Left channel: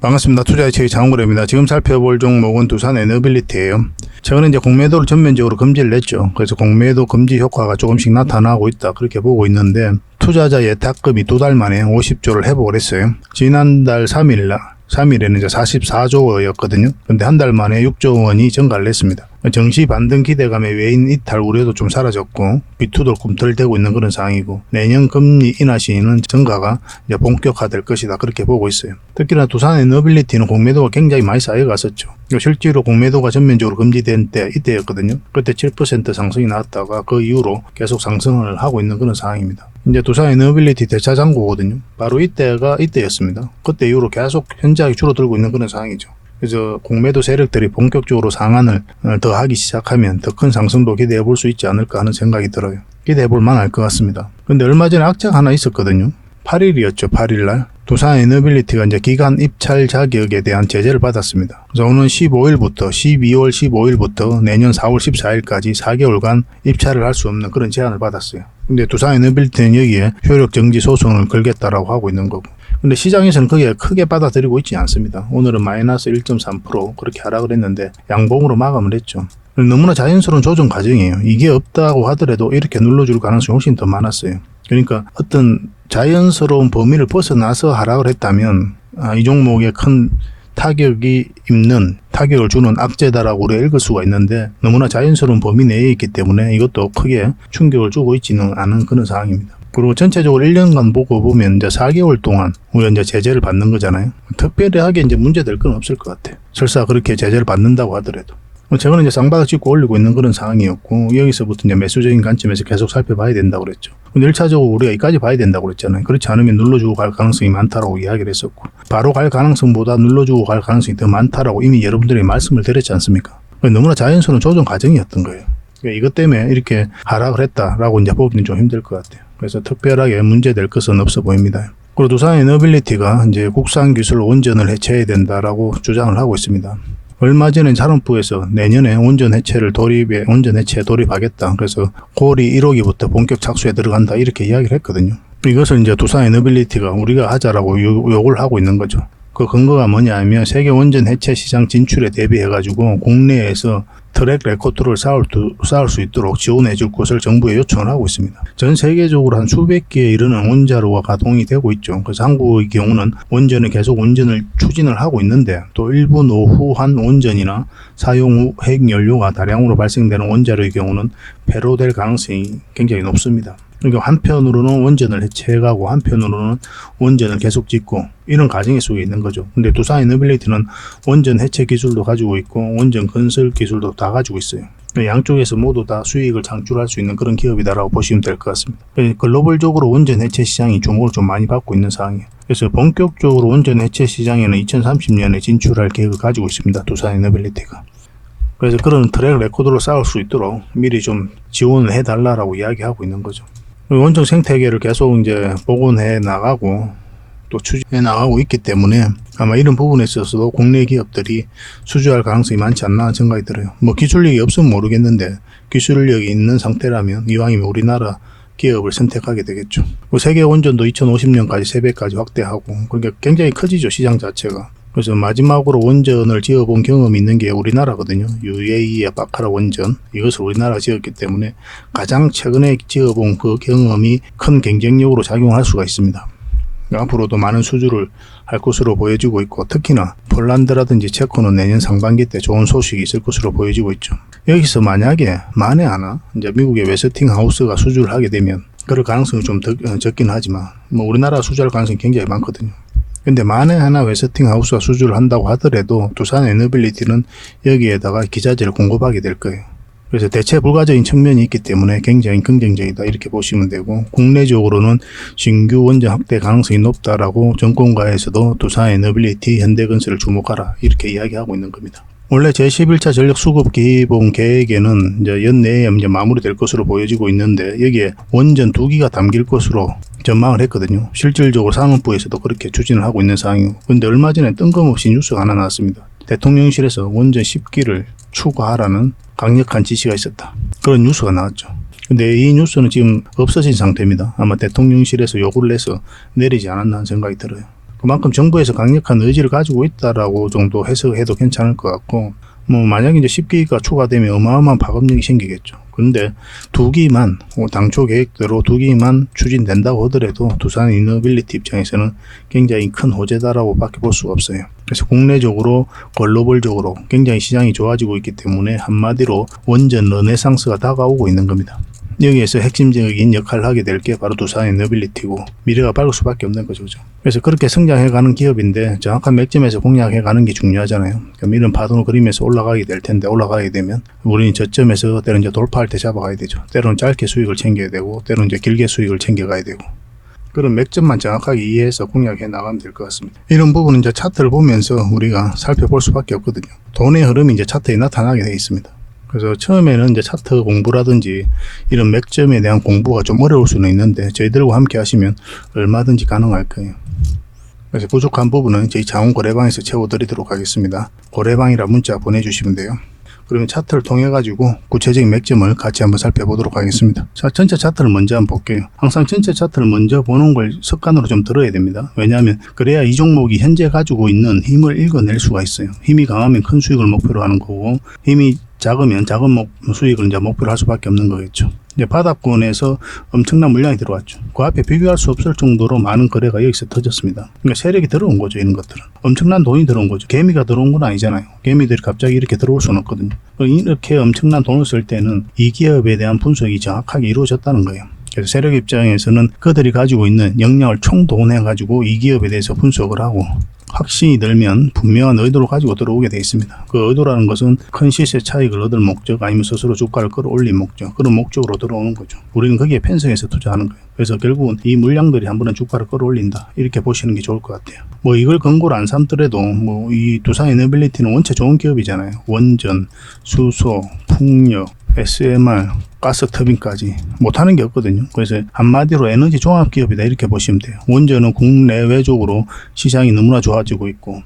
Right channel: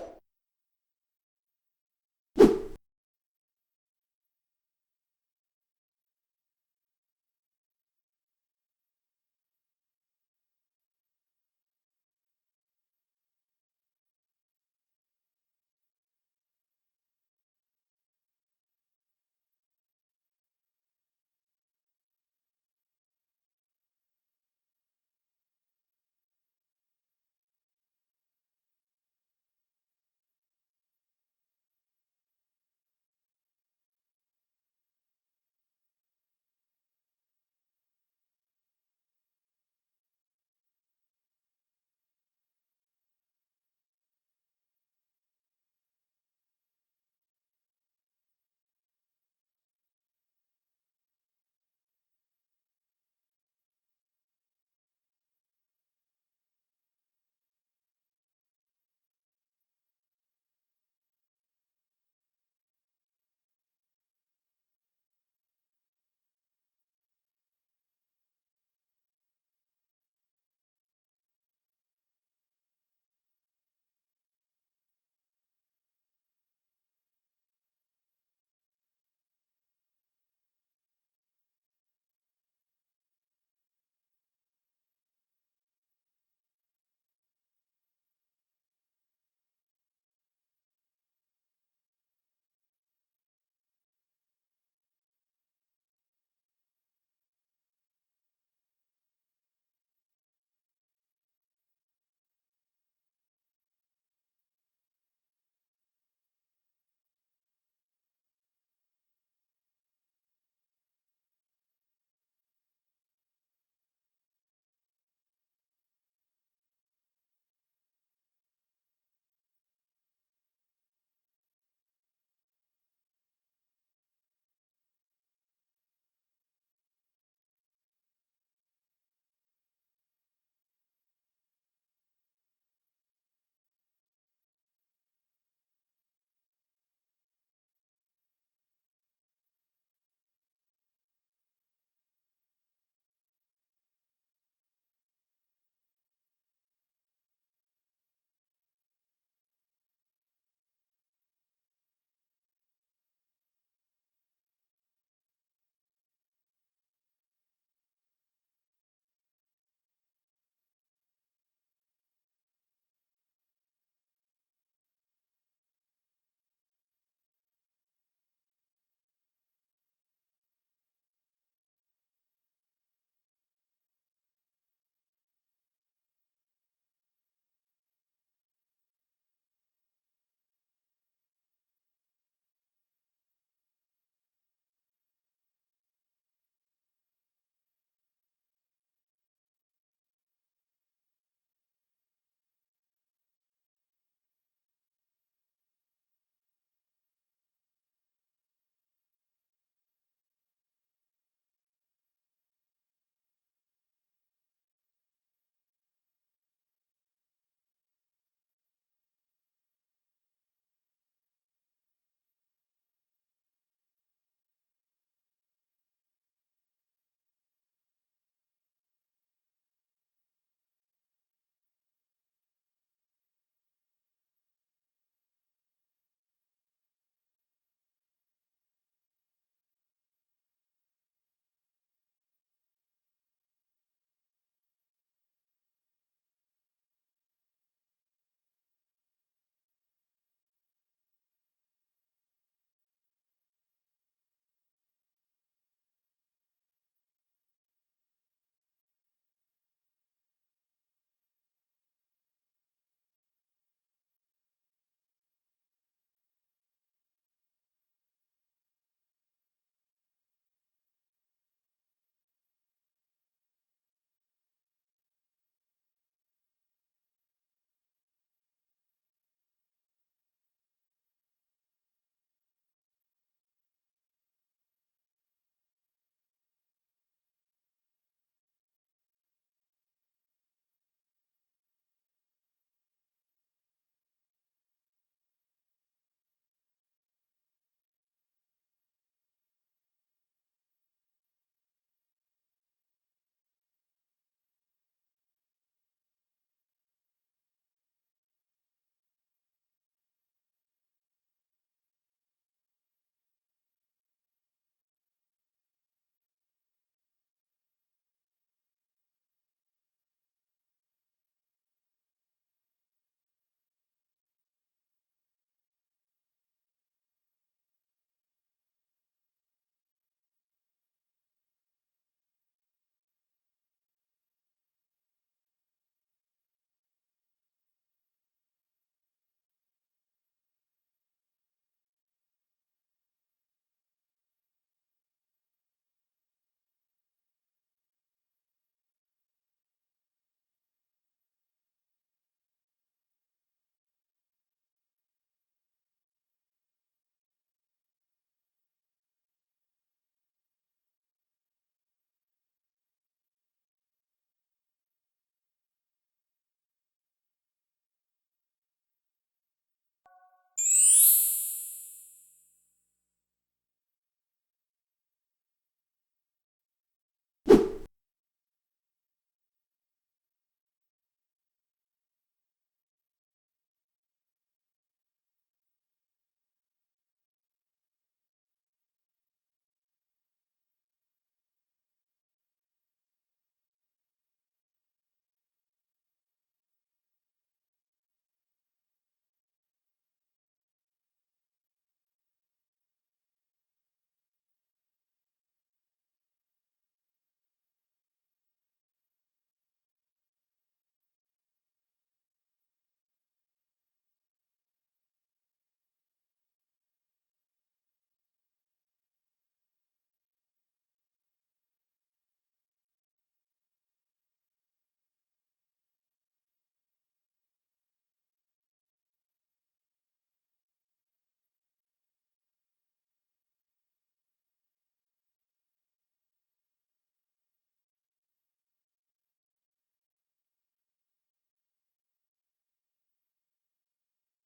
반갑습니다. 투자의 최 장원입니다. 지금 살펴볼 종목은 두산 에너빌리티예요. 최근에 이제 공매도를 전면적으로 금지를 냈죠. 그래서 공매도 금지 효과가 조금씩 나타나고 있다. 그렇게 보고 있는데 투자자 예탁금이 두 달 만에 50조를 회복을 했어요. 지난달 3일 날 3일에는 이제 44조 원이었거든요. 근데 한 달 만에 6조 원이 증가를 했습니다. 정시 반등 기대감에 외인 이탈 우려도 좀 사라졌고 비투도 꿈틀대고 있는 그런 상황이고 내년 금리 인하 시에는 증가가 이제 본격화될 것이다 그렇게 보고 있어요. 특히나 두산 에너빌리티는 공매도가 굉장히 많이 쌓여갔었죠. 실제로 공매도가 전면적으로 금지된 때 이때였거든요. 그때 7% 상승이 나왔다가 그 이후로 계속 상승을 하고 있는 그런 상황입니다. 이제 두산 에너빌리티 대차 잔고거든요. 바로 이때가 이때였습니다. 그때 이후로 계속 현저하게 줄어들고 있는 그런 상황이죠. 그래서 공매도 세력들이 본격적으로 상한을 어, 더 하기 시작하면 더 큰 상승도 기대해 볼 수 있지 않을까 하는 생각이 들어요. 기대해 볼 만할 것 같습니다. 근데 얼마 전에 악재가 하나 있었거든요. 8일이었죠. 8일 날. 두산 에너빌리티가 이제 기간 입찰 자격에 대한 제재를 받았습니다. 그래서 오는 15일부터 12월 15일부터 내년 4월 14일까지 4개월간 입찰을 할 수 없는 그런 제한을 받았어요. 근데 두산 에너빌리티는 여기에 효력 정지 소송을 걸겠다라고 하고 있는 거고. 근데 시장에서는 그게 크게 받아들이고 있지 않습니다. 오늘은 마이너스 1.3% 그렇게 하락을 했는데 양봉으로 마감을 했죠. 너무나 자연스러운 조정 과정이에요. 이게 없다고 하더라도 이렇게 눌러줄 가능성이 훨씬 더 많았어요. 그러니까 어떤 자연스러운 범위를 벗어나서 하락을 했다면 아, 이 종목에 큰 타격이 있는 타격을 주는 악재다라고 우리가 읽을 수가 있는데 너무나 자연스러운 범위 내에 있기 때문에 이것도 크게 충격을 주고 있지는 않은 그런 상황입니다. 그리고 전체적으로 1년간 보고 보면 이제 4개월 동안 우리가 이제 제재를 받는 거잖아요. 특별하게 이제 문제될 건 없을 것 같아요. 설사 그렇게 제재를 받는다고 하더라도. 최근에 이제 쌍바닥 찍고 올리고 있는 그런 상황이었고 여기서부터 이제 매수적인 관점에서 계속 살펴봐야 된다고 그랬죠. 근데 1차적으로 우리가 여기까지 봐야 된다고 그랬잖아요. 그렇지 않으면 눌러주고 갈 가능성이 많다라고 이야기를 했었고 바로 갈 가능성보다 눌러주고 갈 가능성이 더 많다라고 이미 여러분들이 말씀을 드렸지 않습니까? 너무나 자연스러운 조정 과정이었던 거예요. 그러니까 이것 때문에 이렇게 하락을 했다라고 이제 보기는 좀 힘들 것 같아요. 그래서 특별하게 문제될 것은 없어 보입니다. 그리고 두산 에너빌리티가 이제 국산 기술 원전을 해체해야 된다라고 주장을 하고 있습니다. 얼마 전에 산업부에서 내년에 원전 해체를 도입에 원전 해체에 돌입하겠다. 그래서 고리 1호기부터 본격 착수에 들어간다 이렇게 이야기를 했거든요. 이것을 이제 두산 에너빌리티가 우리가 하자라고 요, 욕을 하고 있는 거죠. 그 근거가 뭐냐 하면 세계 원전 해체 시장 진출에 대비해 가지고 국내에서 트랙 레코드를 쌓을, 수- 쌓을 수 있도록 지원해 줄 것을 정부에 요청을 하고 있습니다. 전 세계적으로 한 수백 개에 이르는 원자로가 가동이 되고 있죠. 그래서 한국의 경우는 원전을 계속 원전을 추진을 하고 있는데 또 일부 노후한 원전이나 사용 후 핵연료가 다량으로 발생되는 원자로의 경우는 폐로될 가능성이 굉장히 높습니다. 그러니까 한편으로는 원전을 해체해가고 한편으로는 원전을 계속 짓고 이런 과정에 속에 있는 거죠. 근데 두산 에너빌리티는 원전 해체 기술도 가지고 있고 원전 건설 기술도 다 가지고 있어요. 양쪽에서 모두 다 수익을 창출할 수 있는 그런 기업이다라고 보시면 될 것 같습니다. 예, 글로벌적으로 원전 해체 시장이 주목을 좀 많이 받고 있는 상황이에요. 그래서 본격적으로 원전 해체 시장에는 2030년에 진출할 계획을 가지고 있습니다. 두산 에너빌리티가. 그래서 그런 트랙 레코드로 쌓을 수 있도록 미리 좀 지원을 해달라라고 이야기하고 있는 거죠. 원전 생태계를 계속 이제 복원해 나가고 또 추진해 나가고 있기 때문에 아마 이런 부분에 있어서도 국내 기업들이 수주할 가능성이 많지 않나 생각이 들어요. 뭐 기술력이 없으면 모르겠는데 기술력이 있는 상태라면 이왕이면 우리나라 기업을 선택하게 되겠죠. 그 세계 원전도 2050년까지 3배까지 확대하고 그러니까 굉장히 커지죠 시장 자체가. 그래서 마지막으로 원전을 지어본 경험이 있는 게 우리나라거든요. UAE의 바카라 원전 이것을 우리나라가 지었기 때문에 가장 최근에 지어본 그 경험이 큰 경쟁력으로 작용할 수가 있습니다. 앞으로도 많은 수주를 할 것으로 보여지고 있고 특히나 폴란드라든지 체코는 내년 상반기 때 좋은 소식이 있을 것으로 보여지고 있죠. 여기서 만약에 만에 하나 이제 미국의 웨스팅 하우스가 수주를 하게 되면 그럴 가능성이 좀 더, 어, 적긴 하지만 뭐 우리나라 수주할 가능성이 굉장히 많거든요. 근데 만에 하나 웨스팅 하우스가 수주를 한다고 하더라도 두산 에너빌리티는 여기에다가 기자재를 공급하게 될 거예요. 그래서 대체 불가적인 측면이 있기 때문에 굉장히 긍정적이다 이렇게 보시면 되고 국내적으로는 신규 원전 확대 가능성이 높다라고 정권가에서도 두산 에너빌리티 현대건설을 주목하라 이렇게 이야기하고 있는 겁니다. 원래 제11차 전력 수급 기본 계획에는 이제 연내에 이제 마무리될 것으로 보여지고 있는데 여기에 원전 두 기가 담길 것으로 전망을 했거든요. 실질적으로 산업부에서도 그렇게 추진을 하고 있는 상황이고 근데 얼마 전에 뜬금없이 뉴스가 하나 나왔습니다. 대통령실에서 원전 10기를 추가하라는 강력한 지시가 있었다. 그런 뉴스가 나왔죠. 근데 이 뉴스는 지금 없어진 상태입니다. 아마 대통령실에서 요구를 해서 내리지 않았나 하는 생각이 들어요. 그만큼 정부에서 강력한 의지를 가지고 있다라고 정도 해석해도 괜찮을 것 같고 뭐 만약에 이제 10기가 추가되면 어마어마한 파급력이 생기겠죠. 그런데 두 기만 뭐 당초 계획대로 두 기만 추진된다고 하더라도 두산 이너빌리티 입장에서는 굉장히 큰 호재다라고 밖에 볼 수가 없어요. 그래서 국내적으로 글로벌적으로 굉장히 시장이 좋아지고 있기 때문에 한마디로 원전 르네상스가 다가오고 있는 겁니다. 여기에서 핵심적인 역할을 하게 될 게 바로 두산의 너빌리티고 미래가 밝을 수밖에 없는 거죠. 그죠? 그래서 그렇게 성장해가는 기업인데 정확한 맥점에서 공략해가는 게 중요하잖아요. 그럼 이런 파동을 그리면서 올라가게 될 텐데 올라가게 되면 우리는 저점에서 때로는 이제 돌파할 때 잡아가야 되죠. 때로는 짧게 수익을 챙겨야 되고 때로는 이제 길게 수익을 챙겨가야 되고 그런 맥점만 정확하게 이해해서 공략해 나가면 될 것 같습니다. 이런 부분은 이제 차트를 보면서 우리가 살펴볼 수밖에 없거든요. 돈의 흐름이 이제 차트에 나타나게 돼 있습니다. 그래서 처음에는 이제 차트 공부라든지 이런 맥점에 대한 공부가 좀 어려울 수는 있는데 저희들과 함께 하시면 얼마든지 가능할 거예요. 그래서 부족한 부분은 저희 자원 거래방에서 채워드리도록 하겠습니다. 거래방이라 문자 보내주시면 돼요. 그러면 차트를 통해 가지고 구체적인 맥점을 같이 한번 살펴보도록 하겠습니다. 자, 전체 차트를 먼저 한번 볼게요. 항상 전체 차트를 먼저 보는 걸 습관으로 좀 들어야 됩니다. 왜냐하면 그래야 이 종목이 현재 가지고 있는 힘을 읽어낼 수가 있어요. 힘이 강하면 큰 수익을 목표로 하는 거고 힘이 작으면 작은 목, 수익을 이제 목표로 할 수밖에 없는 거겠죠. 이제 바닥권에서 엄청난 물량이 들어왔죠. 그 앞에 비교할 수 없을 정도로 많은 거래가 여기서 터졌습니다. 그러니까 세력이 들어온 거죠, 이런 것들은. 엄청난 돈이 들어온 거죠. 개미가 들어온 건 아니잖아요. 개미들이 갑자기 이렇게 들어올 수는 없거든요. 이렇게 엄청난 돈을 쓸 때는 이 기업에 대한 분석이 정확하게 이루어졌다는 거예요. 그래서 세력 입장에서는 그들이 가지고 있는 역량을 총동원해 가지고 이 기업에 대해서 분석을 하고 확신이 들면 분명한 의도를 가지고 들어오게 되어 있습니다. 그 의도라는 것은 큰 시세 차익을 얻을 목적 아니면 스스로 주가를 끌어올린 목적 그런 목적으로 들어오는 거죠. 우리는 거기에 편성해서 투자하는 거예요. 그래서 결국은 이 물량들이 한 번은 주가를 끌어올린다 이렇게 보시는 게 좋을 것 같아요. 뭐 이걸 근거로 안 삼더라도 뭐 이 두산 에너빌리티는 원체 좋은 기업이잖아요. 원전, 수소, 풍력, SMR, 가스 터빈까지 못하는 게 없거든요. 그래서 한마디로 에너지 종합 기업이다 이렇게 보시면 돼요. 원전은 국내외적으로 시장이 너무나 좋아지고 있고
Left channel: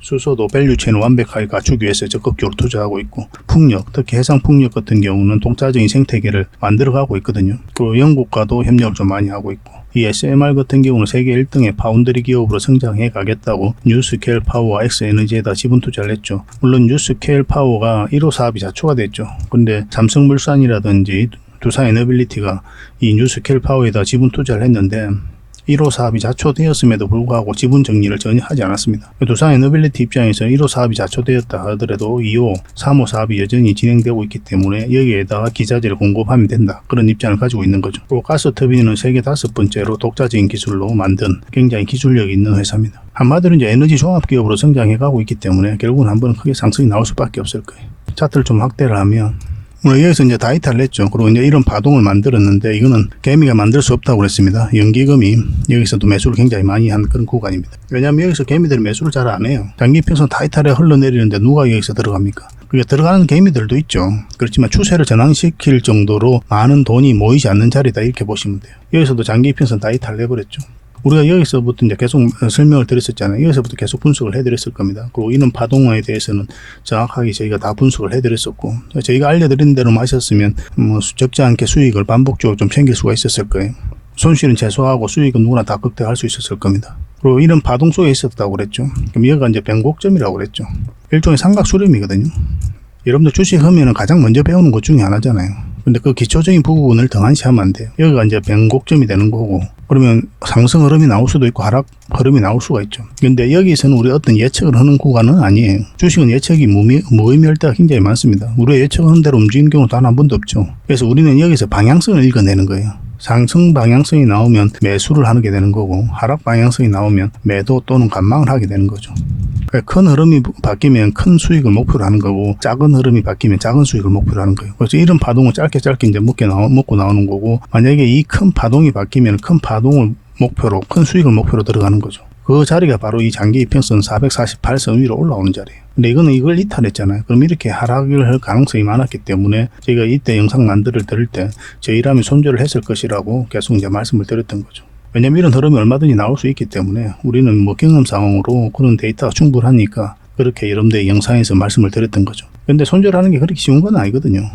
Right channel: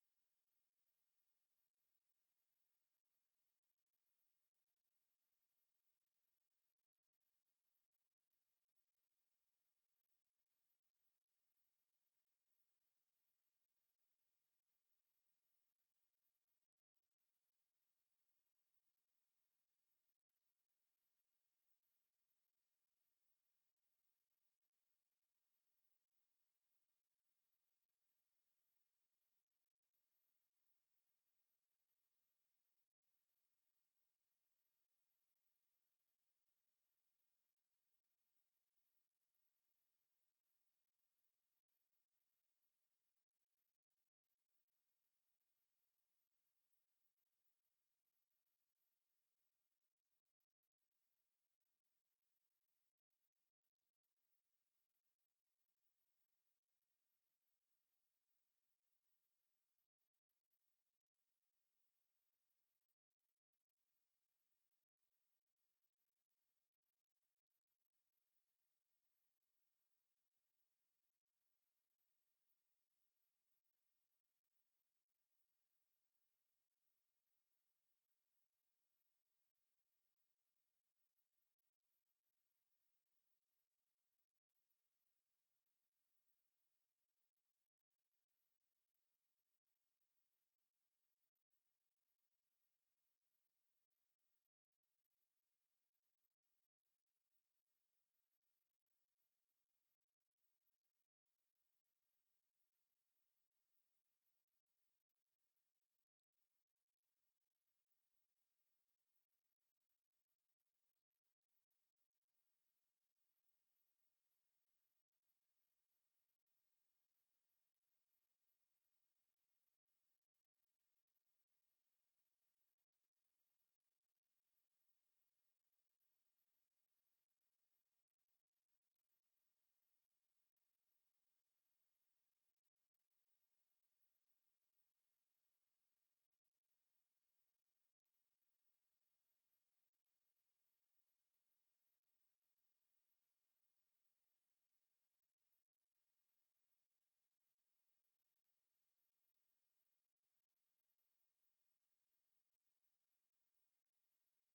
수소도 밸류체는 완벽하게 갖추기 위해서 적극적으로 투자하고 있고 풍력, 특히 해상 풍력 같은 경우는 동자적인 생태계를 만들어가고 있거든요. 그 영국과도 협력을 좀 많이 하고 있고 이 SMR 같은 경우는 세계 1등의 파운드리 기업으로 성장해 가겠다고 뉴스케일 파워와 엑스에너지에다 지분 투자를 했죠. 물론 뉴스케일 파워가 1호 사업이 자초가 됐죠. 근데 삼성물산이라든지 두산 에너빌리티가 이 뉴스케일 파워에다 지분 투자를 했는데 1호 사업이 자초되었음에도 불구하고 지분 정리를 전혀 하지 않았습니다. 두산 에너빌리티 입장에서 1호 사업이 자초되었다 하더라도 2호, 3호 사업이 여전히 진행되고 있기 때문에 여기에다가 기자재를 공급하면 된다. 그런 입장을 가지고 있는 거죠. 또 가스 터빈은 세계 다섯 번째로 독자적인 기술로 만든 굉장히 기술력이 있는 회사입니다. 한마디로 이제 에너지 종합 기업으로 성장해 가고 있기 때문에 결국은 한 번은 크게 상승이 나올 수밖에 없을 거예요. 차트를 좀 확대를 하면 여기서 이제 다이탈을 했죠. 그리고 이제 이런 파동을 만들었는데 이거는 개미가 만들 수 없다고 그랬습니다. 연기금이 여기서도 매수를 굉장히 많이 한 그런 구간입니다. 왜냐하면 여기서 개미들이 매수를 잘 안 해요. 장기 평선 다이탈에 흘러내리는데 누가 여기서 들어갑니까? 그게 들어가는 개미들도 있죠. 그렇지만 추세를 전환시킬 정도로 많은 돈이 모이지 않는 자리다 이렇게 보시면 돼요. 여기서도 장기 평선 다이탈을 해버렸죠. 우리가 여기서부터 이제 계속 설명을 드렸었잖아요. 여기서부터 계속 분석을 해드렸을 겁니다. 그리고 이런 파동에 대해서는 정확하게 저희가 다 분석을 해드렸었고, 저희가 알려드린 대로 마셨으면 뭐 적지 않게 수익을 반복적으로 좀 챙길 수가 있었을 거예요. 손실은 최소화하고 수익은 누구나 다 극대화할 수 있었을 겁니다. 그리고 이런 파동 속에 있었다고 그랬죠. 그럼 여기가 이제 변곡점이라고 그랬죠. 일종의 삼각 수렴이거든요. 여러분들 주식 하면은 가장 먼저 배우는 것 중에 하나잖아요. 근데 그 기초적인 부분을 등한시하면 안 돼요. 여기가 이제 변곡점이 되는 거고, 그러면 상승 흐름이 나올 수도 있고 하락 흐름이 나올 수가 있죠. 근데 여기서는 우리 어떤 예측을 하는 구간은 아니에요. 주식은 예측이 무의, 무의미할 때가 굉장히 많습니다. 우리가 예측하는 대로 움직이는 경우 단한 번도 없죠. 그래서 우리는 여기서 방향성을 읽어내는 거예요. 상승 방향성이 나오면 매수를 하게 되는 거고 하락 방향성이 나오면 매도 또는 관망을 하게 되는 거죠. 그러니까 큰 흐름이 바뀌면 큰 수익을 목표로 하는 거고 작은 흐름이 바뀌면 작은 수익을 목표로 하는 거예요. 그래서 이런 파동을 짧게 짧게 이제 먹게 나오, 먹고 나오는 거고 만약에 이 큰 파동이 바뀌면 큰 파동을 목표로 큰 수익을 목표로 들어가는 거죠. 그 자리가 바로 이 장기 이평선 448선 위로 올라오는 자리예요. 근데 이거는 이걸 이탈했잖아요. 그럼 이렇게 하락을 할 가능성이 많았기 때문에 저희가 이때 영상 만들을 들을 때 저희라면 손절을 했을 것이라고 계속 이제 말씀을 드렸던 거죠. 왜냐면 이런 흐름이 얼마든지 나올 수 있기 때문에 우리는 뭐 경험 상황으로 그런 데이터가 충분하니까 그렇게 여러분들 영상에서 말씀을 드렸던 거죠. 근데 손절하는 게 그렇게 쉬운 건 아니거든요.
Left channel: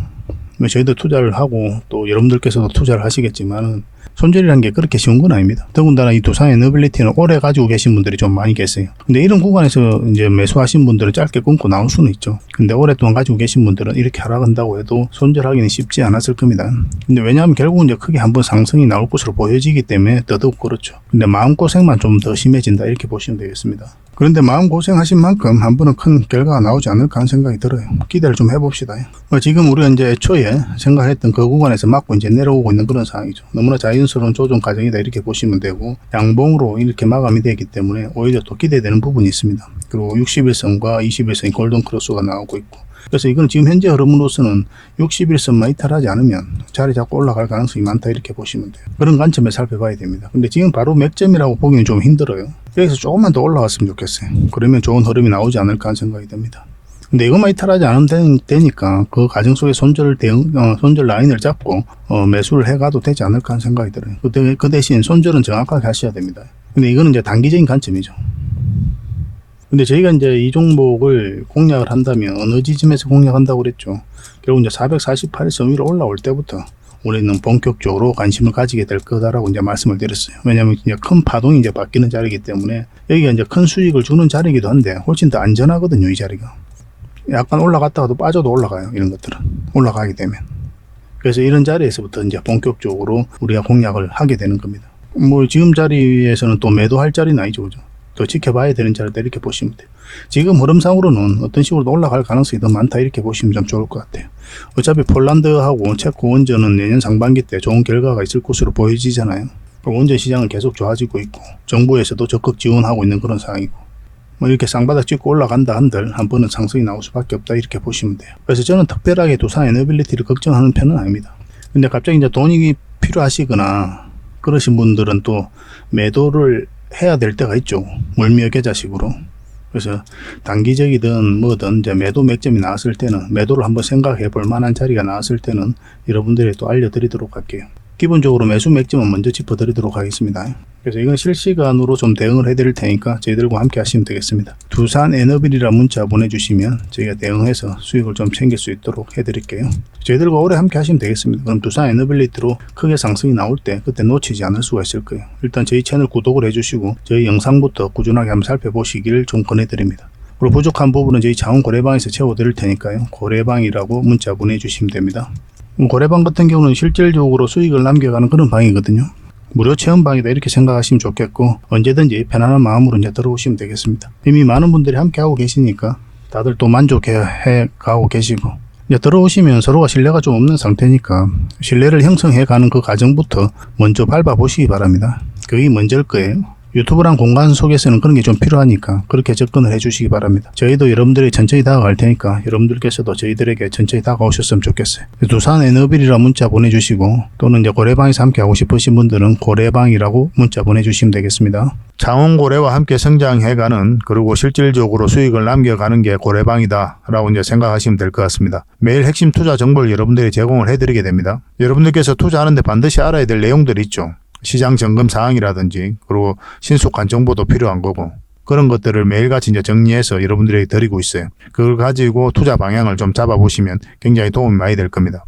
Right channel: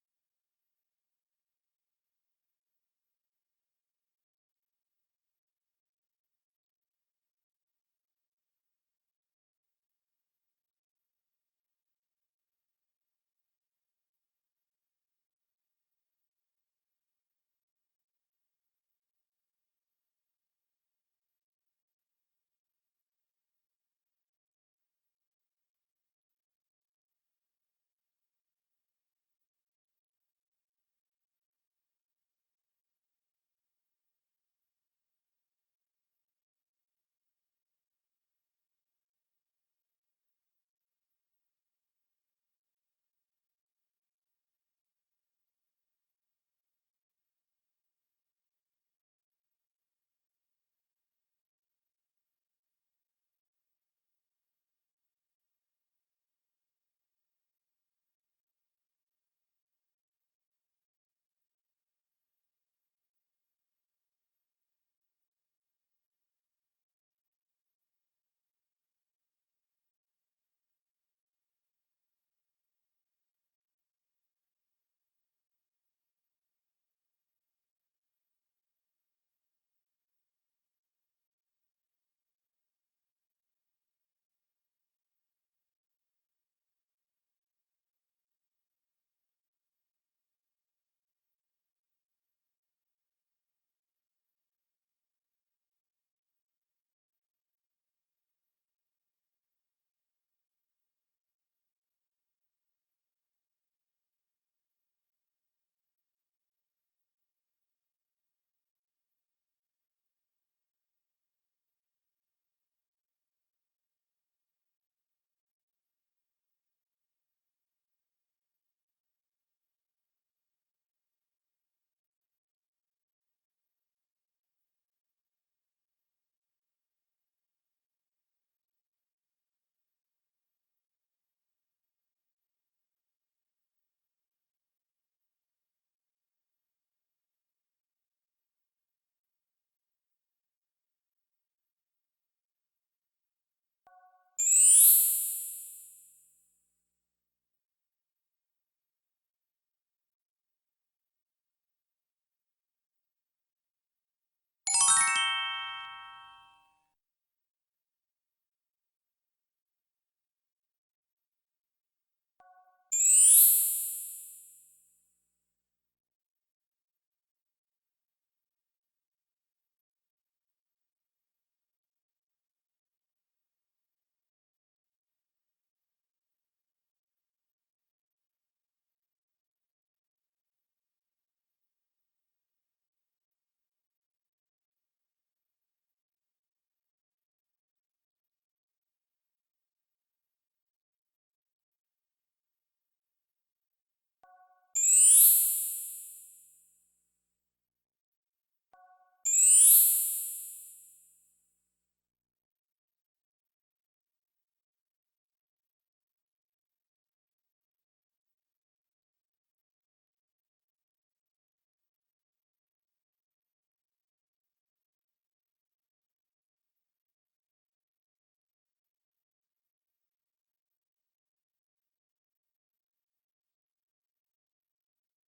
뭐 저희도 투자를 하고 또 여러분들께서도 투자를 하시겠지만은 손절이라는 게 그렇게 쉬운 건 아닙니다. 더군다나 이 두산 에너빌리티는 오래 가지고 계신 분들이 좀 많이 계세요. 근데 이런 구간에서 이제 매수하신 분들은 짧게 끊고 나올 수는 있죠. 근데 오랫동안 가지고 계신 분들은 이렇게 하락한다고 해도 손절하기는 쉽지 않았을 겁니다. 근데 왜냐하면 결국은 이제 크게 한번 상승이 나올 것으로 보여지기 때문에 더더욱 그렇죠. 근데 마음고생만 좀 더 심해진다 이렇게 보시면 되겠습니다. 그런데 마음고생하신 만큼 한 번은 큰 결과가 나오지 않을까 하는 생각이 들어요. 기대를 좀 해봅시다. 뭐 지금 우리가 이제 초에 생각했던 그 구간에서 맞고 이제 내려오고 있는 그런 상황이죠. 너무나 자연스러운 조정 과정이다 이렇게 보시면 되고 양봉으로 이렇게 마감이 되기 때문에 오히려 또 기대되는 부분이 있습니다. 그리고 60일선과 21선이 골든 크로스가 나오고 있고 그래서 이건 지금 현재 흐름으로서는 61선만 이탈하지 않으면 자리 잡고 올라갈 가능성이 많다 이렇게 보시면 돼요. 그런 관점에 살펴봐야 됩니다. 근데 지금 바로 맥점이라고 보기는 좀 힘들어요. 여기서 조금만 더 올라갔으면 좋겠어요. 그러면 좋은 흐름이 나오지 않을까 하는 생각이 듭니다. 근데 이것만 이탈하지 않으면 되, 니까 그 과정 속에 손절 대응, 어, 손절 라인을 잡고 어, 매수를 해가도 되지 않을까 하는 생각이 들어요. 그, 대- 그 대신 손절은 정확하게 하셔야 됩니다. 근데 이거는 이제 단기적인 관점이죠. 근데 저희가 이제 이 종목을 공략을 한다면 어느 지점에서 공략한다고 그랬죠. 결국 이제 448에서 위로 올라올 때부터 우리는 본격적으로 관심을 가지게 될 거다라고 이제 말씀을 드렸어요. 왜냐하면 이제 큰 파동이 이제 바뀌는 자리이기 때문에 여기가 이제 큰 수익을 주는 자리이기도 한데 훨씬 더 안전하거든요, 이 자리가. 약간 올라갔다가도 빠져도 올라가요, 이런 것들은. 올라가게 되면. 그래서 이런 자리에서부터 이제 본격적으로 우리가 공략을 하게 되는 겁니다. 뭐 지금 자리에서는 또 매도할 자리는 아니죠, 그죠? 또 지켜봐야 되는 자리다 이렇게 보시면 돼요. 지금 흐름상으로는 어떤 식으로 올라갈 가능성이 더 많다 이렇게 보시면 좀 좋을 것 같아요. 어차피 폴란드하고 체코 원전은 내년 상반기 때 좋은 결과가 있을 것으로 보여지잖아요. 원전 시장은 계속 좋아지고 있고 정부에서도 적극 지원하고 있는 그런 상황이고 뭐 이렇게 쌍바닥 찍고 올라간다 한들 한 번은 상승이 나올 수밖에 없다 이렇게 보시면 돼요. 그래서 저는 특별하게 두산 에너빌리티를 걱정하는 편은 아닙니다. 근데 갑자기 이제 돈이 필요하시거나 그러신 분들은 또 매도를 해야 될 때가 있죠. 물미어 계좌식으로. 그래서 단기적이든 뭐든 이제 매도 맥점이 나왔을 때는 매도를 한번 생각해 볼 만한 자리가 나왔을 때는 여러분들이 또 알려드리도록 할게요. 기본적으로 매수 맥점은 먼저 짚어드리도록 하겠습니다. 그래서 이건 실시간으로 좀 대응을 해드릴 테니까 저희들과 함께 하시면 되겠습니다. 두산 에너빌이라 문자 보내주시면 저희가 대응해서 수익을 좀 챙길 수 있도록 해드릴게요. 저희들과 오래 함께 하시면 되겠습니다. 그럼 두산 에너빌리티로 크게 상승이 나올 때 그때 놓치지 않을 수가 있을 거예요. 일단 저희 채널 구독을 해주시고 저희 영상부터 꾸준하게 한번 살펴보시길 좀 권해드립니다. 그리고 부족한 부분은 저희 자원 고래방에서 채워드릴 테니까요. 고래방이라고 문자 보내주시면 됩니다. 고래방 같은 경우는 실질적으로 수익을 남겨가는 그런 방이거든요. 무료 체험방이다 이렇게 생각하시면 좋겠고 언제든지 편안한 마음으로 이제 들어오시면 되겠습니다. 이미 많은 분들이 함께 하고 계시니까 다들 또 만족해 해 가고 계시고 이제 들어오시면 서로가 신뢰가 좀 없는 상태니까 신뢰를 형성해 가는 그 과정부터 먼저 밟아 보시기 바랍니다. 그게 먼저일 거예요. 유튜브란 공간 속에서는 그런 게 좀 필요하니까 그렇게 접근을 해주시기 바랍니다. 저희도 여러분들이 천천히 다가갈 테니까 여러분들께서도 저희들에게 천천히 다가오셨으면 좋겠어요. 두산 에너빌이라 문자 보내주시고 또는 이제 고래방에서 함께 하고 싶으신 분들은 고래방이라고 문자 보내주시면 되겠습니다. 창원고래와 함께 성장해가는 그리고 실질적으로 수익을 남겨가는 게 고래방이다라고 이제 생각하시면 될 것 같습니다. 매일 핵심 투자 정보를 여러분들이 제공을 해드리게 됩니다. 여러분들께서 투자하는데 반드시 알아야 될 내용들이 있죠. 시장 점검 사항이라든지 그리고 신속한 정보도 필요한 거고 그런 것들을 매일같이 이제 정리해서 여러분들에게 드리고 있어요. 그걸 가지고 투자 방향을 좀 잡아보시면 굉장히 도움이 많이 될 겁니다.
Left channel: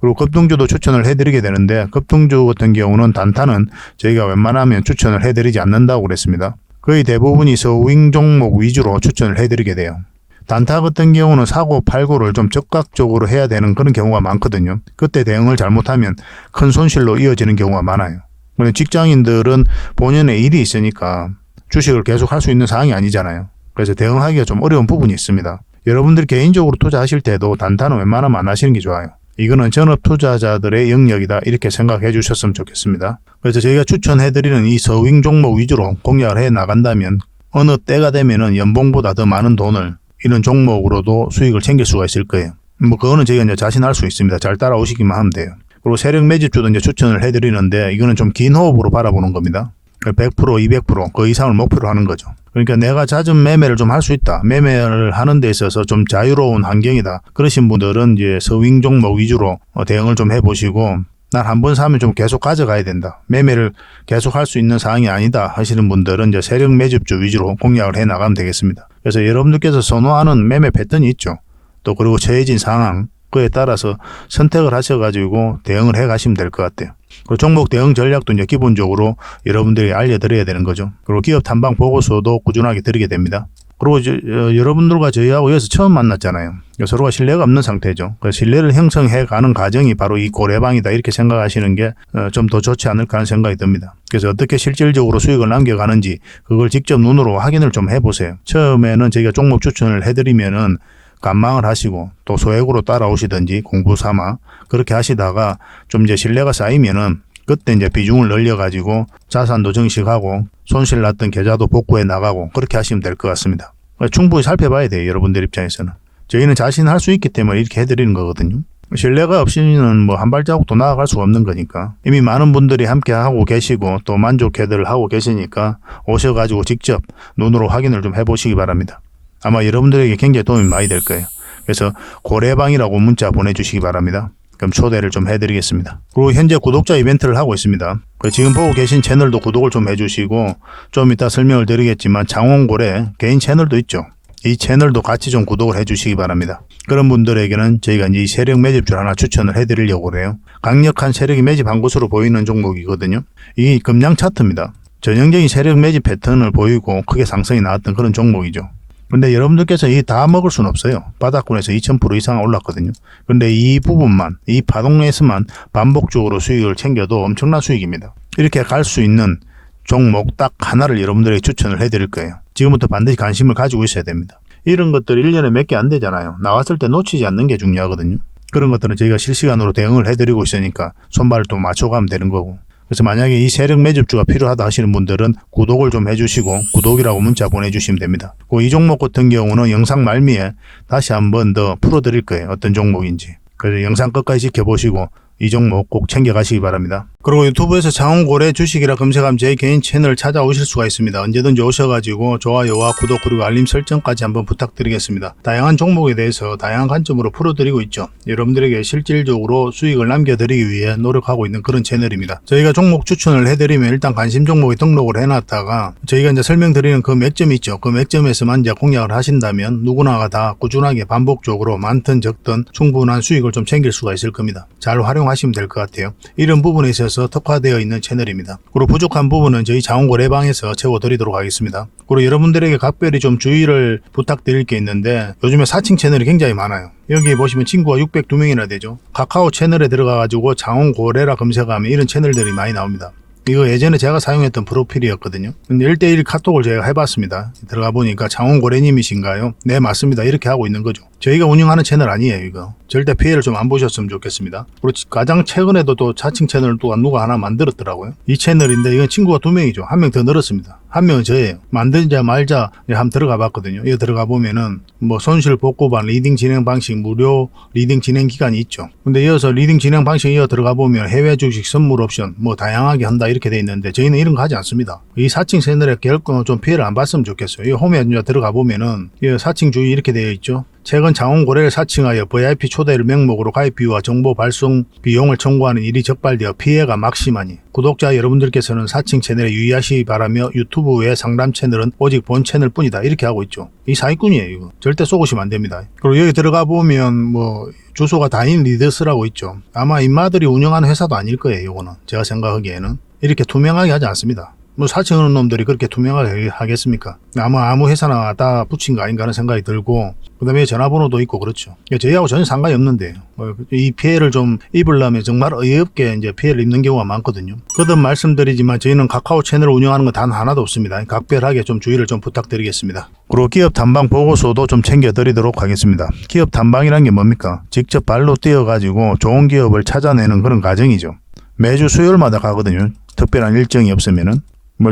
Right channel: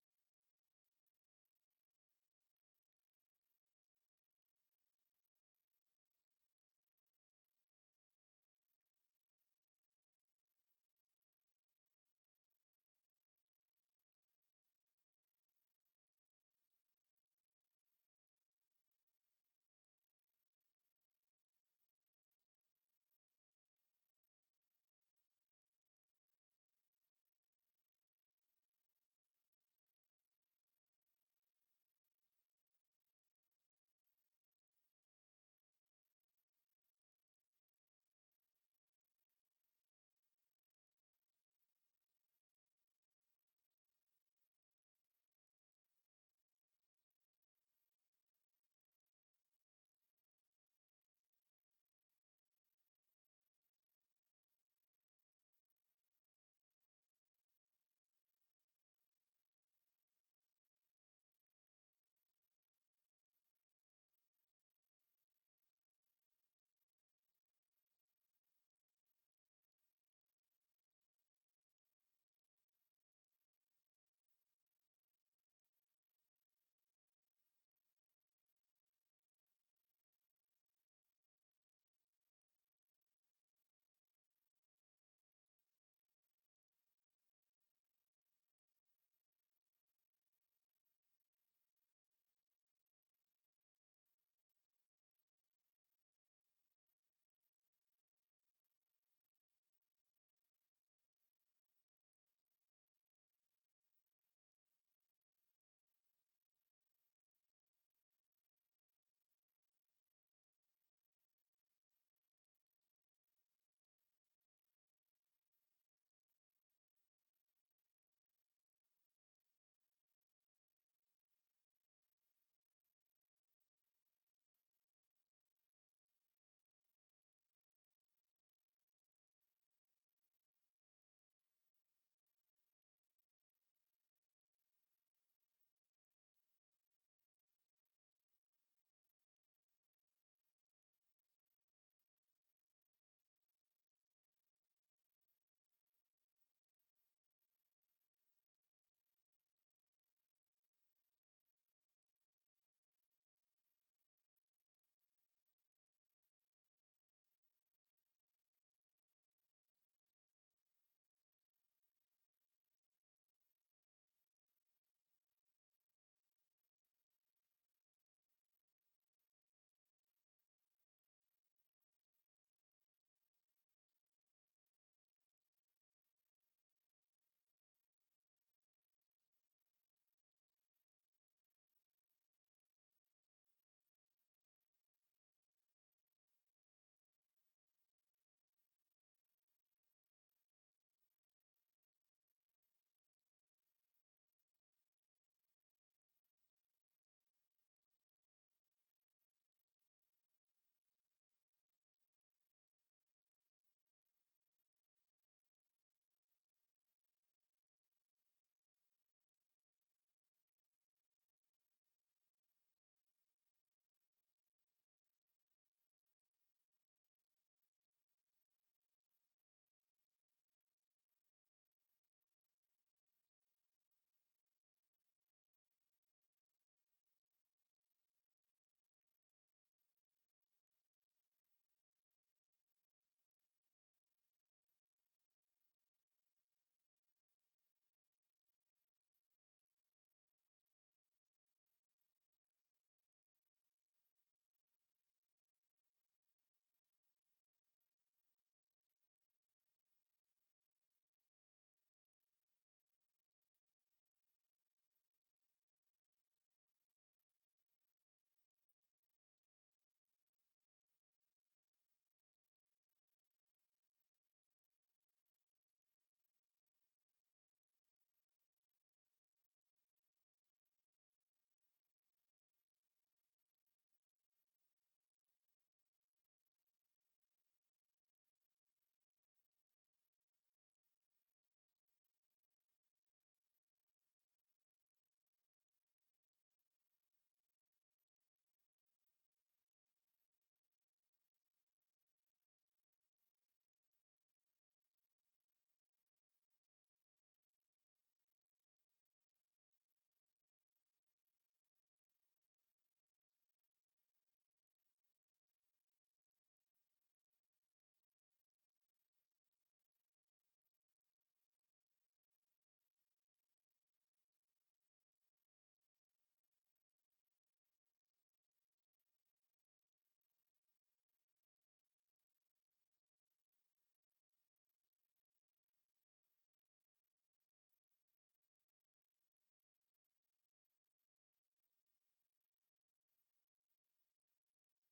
그리고 급등주도 추천을 해드리게 되는데 급등주 같은 경우는 단타는 저희가 웬만하면 추천을 해드리지 않는다고 그랬습니다. 거의 대부분이 서윙 종목 위주로 추천을 해드리게 돼요. 단타 같은 경우는 사고 팔고를 좀 적극적으로 해야 되는 그런 경우가 많거든요. 그때 대응을 잘못하면 큰 손실로 이어지는 경우가 많아요. 근데 직장인들은 본연의 일이 있으니까 주식을 계속 할 수 있는 상황이 아니잖아요. 그래서 대응하기가 좀 어려운 부분이 있습니다. 여러분들 개인적으로 투자하실 때도 단타는 웬만하면 안 하시는 게 좋아요. 이거는 전업 투자자들의 영역이다 이렇게 생각해 주셨으면 좋겠습니다. 그래서 저희가 추천해드리는 이 서윙 종목 위주로 공략을 해 나간다면 어느 때가 되면은 연봉보다 더 많은 돈을 이런 종목으로도 수익을 챙길 수가 있을 거예요. 뭐 그거는 저희가 이제 자신할 수 있습니다. 잘 따라오시기만 하면 돼요. 그리고 세력 매집주도 이제 추천을 해드리는데 이거는 좀 긴 호흡으로 바라보는 겁니다. 100% 200%그 이상을 목표로 하는 거죠. 그러니까 내가 잦은 매매를 좀 할 수 있다. 매매를 하는 데 있어서 좀 자유로운 환경이다. 그러신 분들은 이제 서윙 종목 위주로 어, 대응을 좀 해보시고 난한번 사면 좀 계속 가져가야 된다. 매매를 계속 할 수 있는 상황이 아니다 하시는 분들은 이제 세력 매집주 위주로 공략을 해 나가면 되겠습니다. 그래서 여러분들께서 선호하는 매매 패턴이 있죠. 또 그리고 처해진 상황 그에 따라서 선택을 하셔가지고 대응을 해 가시면 될 것 같아요. 그리고 종목 대응 전략도 이제 기본적으로 여러분들이 알려드려야 되는 거죠. 그리고 기업 탐방 보고서도 꾸준하게 드리게 됩니다. 그리고 이제 어, 여러분들과 저희하고 여기서 처음 만났잖아요. 서로가 신뢰가 없는 상태죠. 그 신뢰를 형성해 가는 과정이 바로 이 고래방이다 이렇게 생각하시는 게 좀더 좋지 않을까 하는 생각이 듭니다. 그래서 어떻게 실질적으로 수익을 남겨가는지 그걸 직접 눈으로 확인을 좀 해보세요. 처음에는 저희가 종목 추천을 해드리면은 간망을 하시고 또 소액으로 따라오시든지 공부 삼아 그렇게 하시다가 좀 이제 신뢰가 쌓이면은 그때 이제 비중을 늘려가지고 자산도 증식하고 손실 났던 계좌도 복구해 나가고 그렇게 하시면 될 것 같습니다. 충분히 살펴봐야 돼요. 여러분들 입장에서는. 저희는 자신 할 수 있기 때문에 이렇게 해드리는 거거든요. 신뢰가 없이는 뭐 한 발자국도 나아갈 수가 없는 거니까 이미 많은 분들이 함께 하고 계시고 또 만족해들 하고 계시니까 오셔가지고 직접 눈으로 확인을 좀 해보시기 바랍니다. 아마 여러분들에게 굉장히 도움이 많이 될 거예요. 그래서 고래방이라고 문자 보내주시기 바랍니다. 그럼 초대를 좀 해드리겠습니다. 그리고 현재 구독자 이벤트를 하고 있습니다. 그 지금 보고 계신 채널도 구독을 좀 해주시고 좀 이따 설명을 드리겠지만 장원고래 개인 채널도 있죠. 이 채널도 같이 좀 구독을 해주시기 바랍니다. 그런 분들에게는 저희가 이 세력 매집줄 하나 추천을 해드리려고 그래요. 강력한 세력이 매집한 것으로 보이는 종목이거든요. 이 금량 차트입니다. 전형적인 세력 매집 패턴을 보이고 크게 상승이 나왔던 그런 종목이죠. 근데 여러분들께서 이 다 먹을 수는 없어요. 바닥권에서 2000% 이상 올랐거든요. 근데 이 부분만, 이 파동에서만 반복적으로 수익을 챙겨도 엄청난 수익입니다. 이렇게 갈 수 있는 종목 딱 하나를 여러분들에게 추천을 해드릴 거예요. 지금부터 반드시 관심을 가지고 있어야 됩니다. 이런 것들 1년에 몇 개 안 되잖아요. 나왔을 때 놓치지 않는 게 중요하거든요. 그런 것들은 저희가 실시간으로 대응을 해드리고 있으니까 손발을 또 맞춰가면 되는 거고. 그래서 만약에 이 세력 매집주가 필요하다 하시는 분들은 구독을 좀 해주시고 구독이라고 문자 보내주시면 됩니다. 그이 종목 같은 경우는 영상 말미에 다시 한번 더 풀어드릴 거예요. 어떤 종목인지. 그래서 영상 끝까지 지켜보시고 이 종목 꼭 챙겨가시기 바랍니다. 그리고 유튜브에서 장원고래 주식이라 검색하면 제 개인 채널 찾아오실 수가 있습니다. 언제든지 오셔가지고 좋아요와 구독 그리고 알림 설정까지 한번 부탁드리겠습니다. 다양한 종목에 대해서 다양한 관점으로 풀어드리고 있죠. 여러분들에게 실질적으로 수익을 남겨드리기 위해 노력하고 있는 그런 채널입니다. 저희가 종목 추천을 해드리면 일단 관심 종목에 등록을 해놨다가 저희가 이제 설명드리는 그 맥점이 있죠. 그 맥점에서만 이제 공략을 하신다면 누구나가 다 꾸준하게 반복적으로 많든 적든 충분한 수익을 좀 챙길 수가 있을 겁니다. 잘 활용하시면 될 것 같아요. 이런 부분에 있어서 특화되어 있는 채널입니다. 그리고 부족한 부분은 저희 자원고래방에서 채워드리도록 하겠습니다. 그리고 여러분들에게 각별히 좀 주의를 부탁드릴 게 있는데 요즘에 사칭 채널이 굉장히 많아요. 여기 보시면 친구가 602명이나 되죠. 카카오 채널에 들어가가지고 장원고래라 검색하면 이런 채널들이 많이 나옵니다. 이거 예전에 제가 사용했던 프로필이었거든요. 근데 1대1 카톡을 제가 해봤습니다. 들어가 보니까 장원고래님이신가요? 네, 맞습니다. 이렇게 하고 있는 거죠. 저희가 운영하는 채널 아니에요, 이거. 절대 피해를 좀 안 보셨으면 좋겠습니다. 그리고 가장 최근에도 또 자칭 채널을 또 누가 하나 만들었더라고요. 이 채널인데 이건 친구가 두 명이죠. 한 명 더 늘었습니다. 한 명은 저예요. 만들자 말자 한번 들어가 봤거든요. 이거 들어가 보면은 뭐 손실 복구반 리딩 진행 방식 무료 리딩 진행 기간이 있죠. 근데 이어서 리딩 진행 방식 이어 들어가 보면 해외 주식 선물 옵션 뭐 다양하게 한다 이렇게 돼 있는데 저희는 이런 거 하지 않습니다. 이 사칭 채널에 결코 좀 피해를 안 봤으면 좋겠어요. 이 홈에 들어가 보면은 이 사칭 주의 이렇게 되어 있죠. 최근 장원고래를 사칭하여 VIP 초대를 명목으로 가입 비유와 정보 발송 비용을 청구하는 일이 적발되어 피해가 막심하니 구독자 여러분들께서는 사칭 채널에 유의하시기 바라며 유튜브 외 상담 채널은 오직 본 채널 뿐이다 이렇게 하고 있죠. 이 사기꾼이에요 이거. 절대 쏘고시면 안 됩니다. 그리고 여기 들어가 보면 뭐 주소가 다인 리더스라고 있죠. 아마 인마들이 운영하는 회사도 아닐 거예요 이거는. 제가 생각하기에는. 이렇게 투명하게 하지 않습니다. 뭐 사칭하는 놈들이 그렇게 투명하게 하겠습니까? 아마 아무 회사나 다 붙인 거 아닌가 하는 생각이 들고 그다음에 전화번호도 있고 그렇죠. 저희하고 전혀 상관이 없는데 뭐이 피해를 좀 입으려면 정말 어이없게 이제 피해를 입는 경우가 많거든요. 거듭 말씀드리지만 저희는 카카오 채널을 운영하는 건 단 하나도 없습니다. 각별하게 좀 주의를 좀 부탁드리겠습니다. 그리고 기업 탐방 보고서도 좀 챙겨드리도록 하겠습니다. 기업 탐방이란 게 뭡니까? 직접 발로 뛰어가지고 좋은 기업을 찾아내는 그런 과정이죠. 매주 수요일마다 가거든요. 특별한 일정이 없으면은 뭐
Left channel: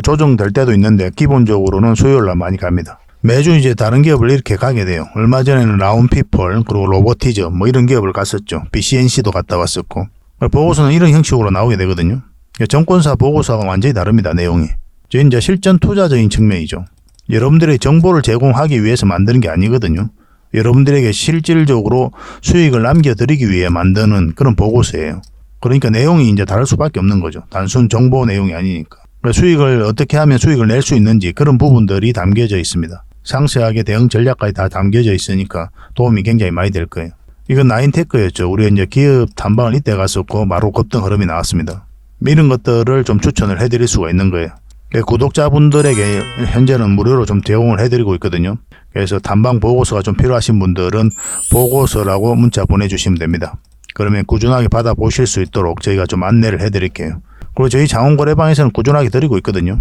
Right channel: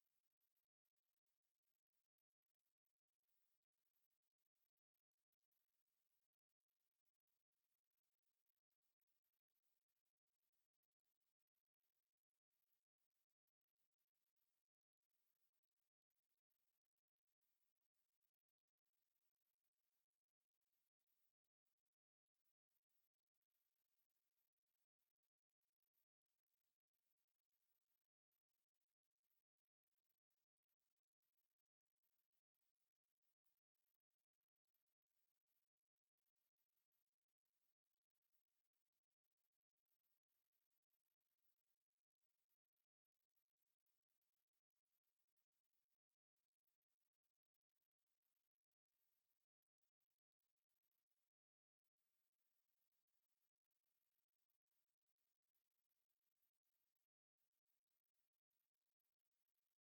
조정될 때도 있는데 기본적으로는 수요일 날 많이 갑니다. 매주 이제 다른 기업을 이렇게 가게 돼요. 얼마 전에는 라운피플 그리고 로보티즈 뭐 이런 기업을 갔었죠. BCNC도 갔다 왔었고 보고서는 이런 형식으로 나오게 되거든요. 정권사 보고서가 완전히 다릅니다. 내용이. 저 이제 실전 투자적인 측면이죠. 여러분들의 정보를 제공하기 위해서 만드는 게 아니거든요. 여러분들에게 실질적으로 수익을 남겨드리기 위해 만드는 그런 보고서예요. 그러니까 내용이 이제 다를 수밖에 없는 거죠. 단순 정보 내용이 아니니까. 수익을 어떻게 하면 수익을 낼 수 있는지 그런 부분들이 담겨져 있습니다. 상세하게 대응 전략까지 다 담겨져 있으니까 도움이 굉장히 많이 될 거예요. 이건 나인테크였죠. 우리가 이제 기업 탐방을 이때 갔었고 바로 급등 흐름이 나왔습니다. 이런 것들을 좀 추천을 해드릴 수가 있는 거예요. 예, 구독자분들에게 현재는 무료로 좀 제공을 해드리고 있거든요. 그래서 탐방 보고서가 좀 필요하신 분들은 보고서라고 문자 보내주시면 됩니다. 그러면 꾸준하게 받아보실 수 있도록 저희가 좀 안내를 해드릴게요. 그리고 저희 장원거래방에서는 꾸준하게 드리고 있거든요.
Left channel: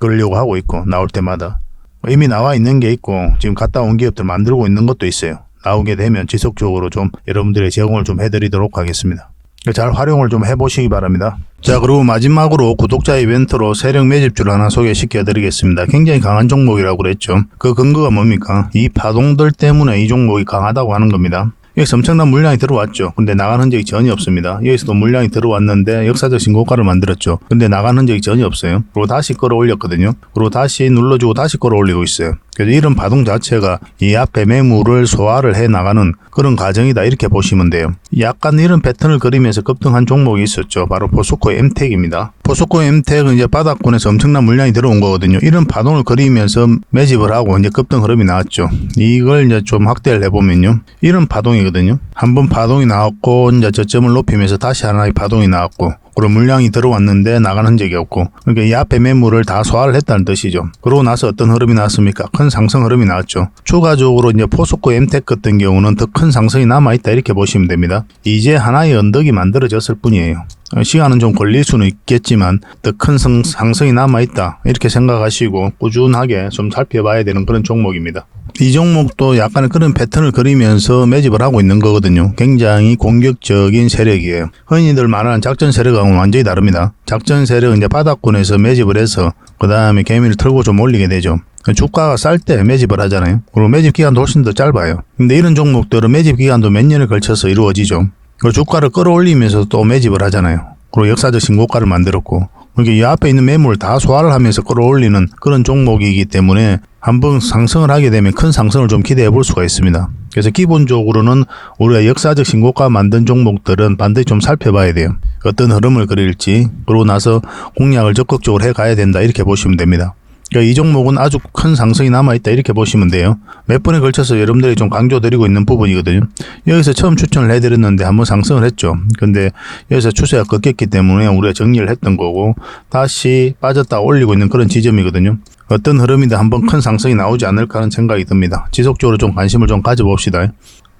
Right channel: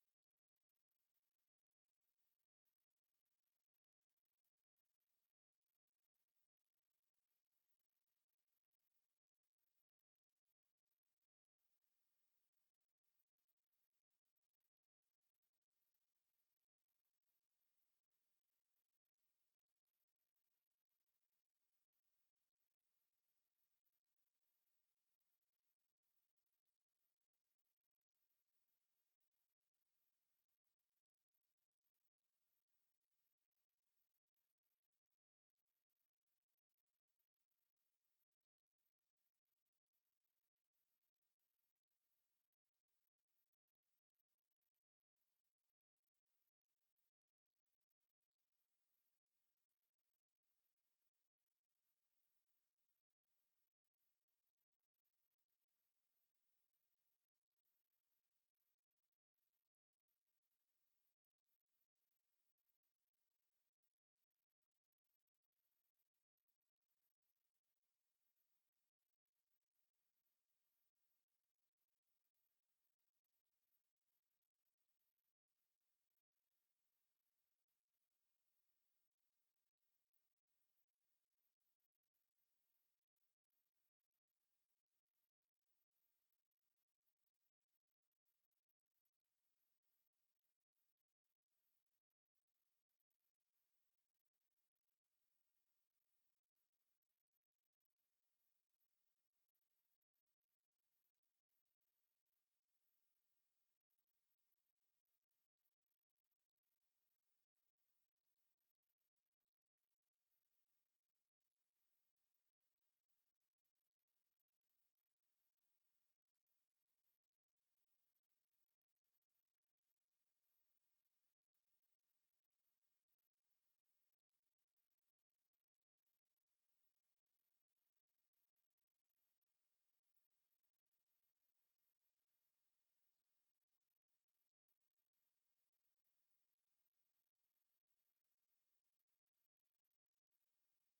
그러려고 하고 있고 나올 때마다 이미 나와 있는 게 있고 지금 갔다 온 기업들 만들고 있는 것도 있어요. 나오게 되면 지속적으로 좀 여러분들의 제공을 좀 해드리도록 하겠습니다. 잘 활용을 좀 해보시기 바랍니다. 자, 그리고 마지막으로 구독자 이벤트로 세력 매집주를 하나 소개시켜 드리겠습니다. 굉장히 강한 종목이라고 그랬죠. 그 근거가 뭡니까? 이 파동들 때문에 이 종목이 강하다고 하는 겁니다. 여기서 엄청난 물량이 들어왔죠. 근데 나간 흔적이 전혀 없습니다. 여기서도 물량이 들어왔는데 역사적 신고가를 만들었죠. 근데 나간 흔적이 전혀 없어요. 그리고 다시 끌어올렸거든요. 그리고 다시 눌러주고 다시 끌어올리고 있어요. 그래서 이런 파동 자체가 이 앞에 매물을 소화를 해 나가는 그런 과정이다 이렇게 보시면 돼요. 약간 이런 패턴을 그리면서 급등한 종목이 있었죠. 바로 포스코 엠텍입니다. 포스코 엠텍은 이제 바닥권에서 엄청난 물량이 들어온 거거든요. 이런 파동을 그리면서 매집을 하고 이제 급등 흐름이 나왔죠. 이걸 이제 좀 확대를 해보면요. 이런 파동이거든요. 한 번 파동이 나왔고 이제 저점을 높이면서 다시 하나의 파동이 나왔고 그리고 물량이 들어왔는데 나가는 흔적이 없고 그러니까 이 앞에 매물을 다 소화를 했다는 뜻이죠. 그러고 나서 어떤 흐름이 나왔습니까? 큰 상승 흐름이 나왔죠. 추가적으로 이제 포스코 엠텍 같은 경우는 더 큰 상승이 남아있다 이렇게 보시면 됩니다. 이제 하나의 언덕이 만들어졌을 뿐이에요. 시간은 좀 걸릴 수는 있겠지만 더 큰 상승이 남아있다 이렇게 생각하시고 꾸준하게 좀 살펴봐야 되는 그런 종목입니다. 이 종목도 약간의 그런 패턴을 그리면서 매집을 하고 있는 거거든요. 굉장히 공격적인 세력이에요. 흔히들 말하는 작전 세력하고는 완전히 다릅니다. 작전 세력은 이제 바닥권에서 매집을 해서 그 다음에 개미를 털고 좀 올리게 되죠. 주가가 쌀 때 매집을 하잖아요. 그리고 매집 기간도 훨씬 더 짧아요. 근데 이런 종목들은 매집 기간도 몇 년을 걸쳐서 이루어지죠. 그리고 주가를 끌어올리면서 또 매집을 하잖아요. 그리고 역사적 신고가를 만들었고 그러니까 이 앞에 있는 매물을 다 소화를 하면서 끌어올리는 그런 종목이기 때문에 한번 상승을 하게 되면 큰 상승을 좀 기대해 볼 수가 있습니다. 그래서 기본적으로는 우리가 역사적 신고가 만든 종목들은 반드시 좀 살펴봐야 돼요. 어떤 흐름을 그릴지 그러고 나서 공략을 적극적으로 해 가야 된다 이렇게 보시면 됩니다. 그러니까 이 종목은 아주 큰 상승이 남아있다 이렇게 보시면 돼요. 몇 번에 걸쳐서 여러분들이 좀 강조드리고 있는 부분이거든요. 여기서 처음 추천을 해드렸는데 한번 상승을 했죠. 근데 여기서 추세가 꺾였기 때문에 우리가 정리를 했던 거고 다시 빠졌다 올리고 있는 그런 지점이거든요. 어떤 흐름이든 한번 큰 상승이 나오지 않을까 하는 생각이 듭니다. 지속적으로 좀 관심을 좀 가져봅시다.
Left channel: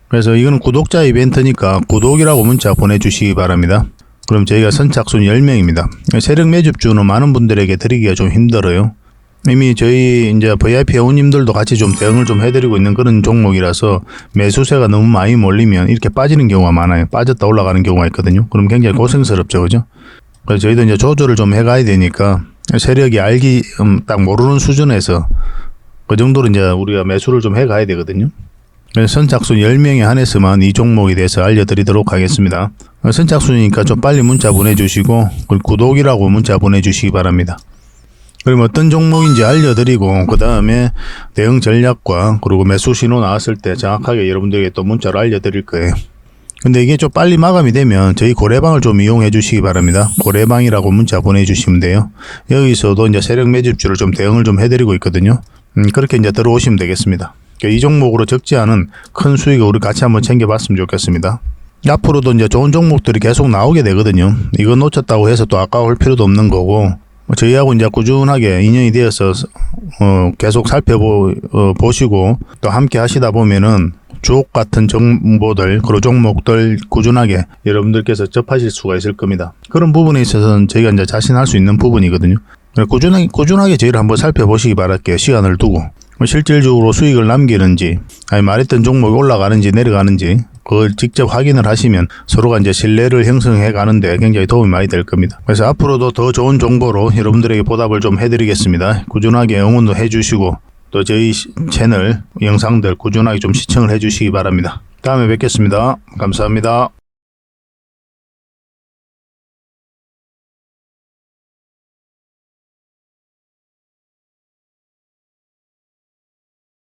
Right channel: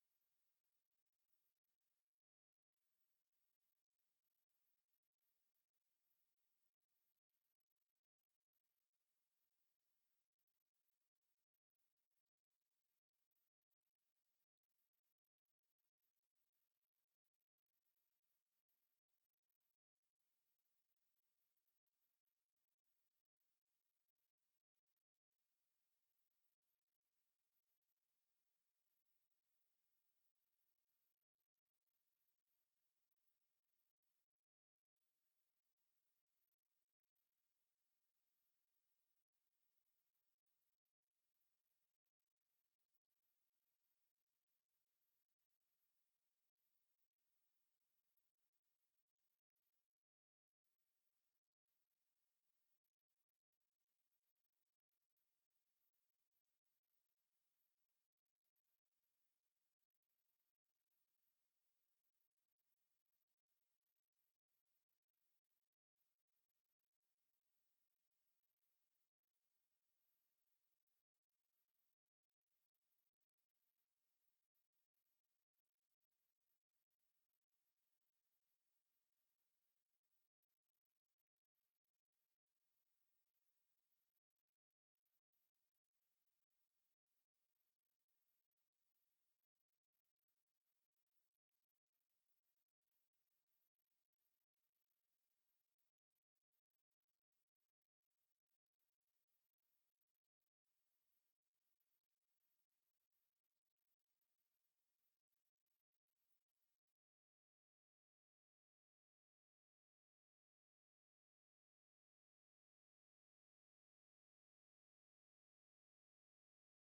그래서 이거는 구독자 이벤트니까 구독이라고 문자 보내주시기 바랍니다. 그럼 저희가 선착순 10명입니다. 세력 매집주는 많은 분들에게 드리기가 좀 힘들어요. 이미 저희 이제 VIP 회원님들도 같이 좀 대응을 좀 해드리고 있는 그런 종목이라서 매수세가 너무 많이 몰리면 이렇게 빠지는 경우가 많아요. 빠졌다 올라가는 경우가 있거든요. 그럼 굉장히 고생스럽죠, 그죠? 그래서 저희도 이제 조절을 좀 해가야 되니까 세력이 알기 음, 딱 모르는 수준에서 그 정도로 이제 우리가 매수를 좀 해가야 되거든요. 선착순 10명에 한해서만 이 종목에 대해서 알려드리도록 하겠습니다. 선착순이니까 좀 빨리 문자 보내주시고 구독이라고 문자 보내주시기 바랍니다. 그럼 어떤 종목인지 알려드리고 그 다음에 대응 전략과 그리고 매수 신호 나왔을 때 정확하게 여러분들에게 또 문자로 알려드릴 거예요. 근데 이게 좀 빨리 마감이 되면 저희 고래방을 좀 이용해 주시기 바랍니다. 고래방이라고 문자 보내주시면 돼요. 여기서도 이제 세력 매집주를 좀 대응을 좀 해드리고 있거든요. 음, 그렇게 이제 들어오시면 되겠습니다. 그러니까 이 종목으로 적지 않은 큰 수익을 우리 같이 한번 챙겨봤으면 좋겠습니다. 앞으로도 이제 좋은 종목들이 계속 나오게 되거든요. 이거 놓쳤다고 해서 또 아까울 필요도 없는 거고 뭐 저희하고 이제 꾸준하게 인연이 되어서 어, 계속 살펴보 어, 또 함께 하시다 보면은 주옥 같은 정보들 그리고 종목들 꾸준하게 여러분들께서 접하실 수가 있을 겁니다. 그런 부분에 있어서는 저희가 이제 자신할 수 있는 부분이거든요. 꾸준하게 꾸준하게 저희를 한번 살펴보시기 바랄게요. 시간을 두고 뭐 실질적으로 수익을 남기는지 아니 말했던 종목이 올라가는지 내려가는지 그걸 직접 확인을 하시면 서로가 이제 신뢰를 형성해 가는데 굉장히 도움이 많이 될 겁니다. 그래서 앞으로도 더 좋은 정보로 여러분들에게 보답을 좀 해드리겠습니다. 꾸준하게 응원도 해주시고 또 저희 채널 영상들 꾸준하게 좀 시청을 해주시기 바랍니다. 다음에 뵙겠습니다. 감사합니다.